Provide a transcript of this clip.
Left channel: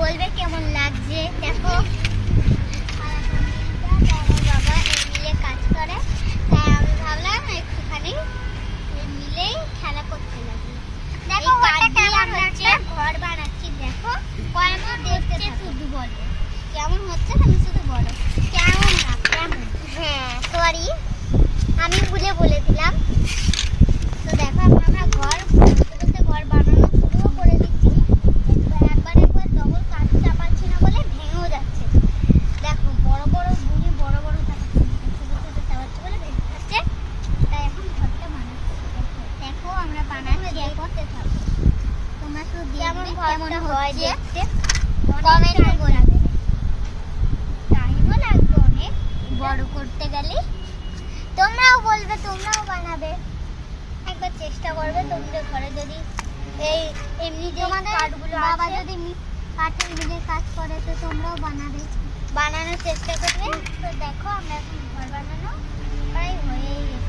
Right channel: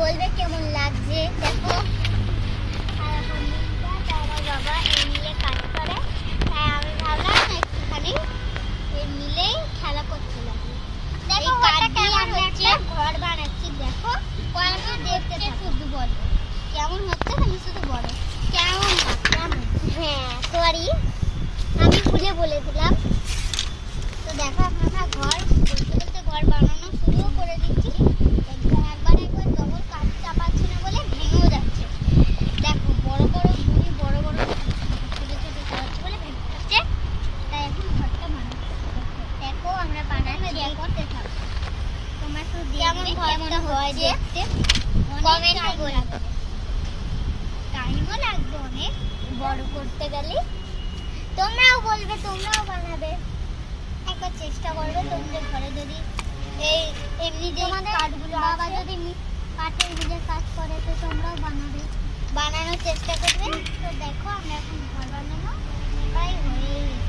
বলবে কেমন লাগছে। দেখো বাবা মিলে কাজ করে, তাই আমি ভাবলাম একটুখানি মিলেই খেলা করতে লাগবে। দেখো আমরা একটা ঘর বানাচ্ছি। দেখো কেমন দেখতে শুধু বলো কেমন হচ্ছে, আমি শুধু বলো কেমন কেমন। হ্যাঁ সরি আমি ভুলে বলে দিলাম। তো দেখো আমরা ঘর বানানো শুরুও করে দিচ্ছি। একবার ডবল কাঠ চাপাচ্ছি না বলে ভেঙেও যাচ্ছে। দেখো বড় বড় গুড়ি বড় বড় ছোট ছোট চাপাচ্ছি বলে ভেঙে যাচ্ছে। তাই এখন ঘরটা বানাচ্ছি। দেখো আমরা বানাচ্ছি করতে থাকো। তোমরা শুধু দেখবে কেমন হয় দেখতে, কমেন্টে বলবে। টাইমও লাগবে অনেক বড় করতে গেলে। তোমরাও বলবে, তোমরাও বানাবে, একবার চেষ্টা করবে। তোমাদের ঘরে যদি এই এমনি যে কাঠগুলো বাবা যদি কাঠের মিলে কাজ করে তো তোমরাও বানানোর চেষ্টা করবে। তো দেখো আমরা এখন ঘর বানানো প্রায় হয়ে গেছে।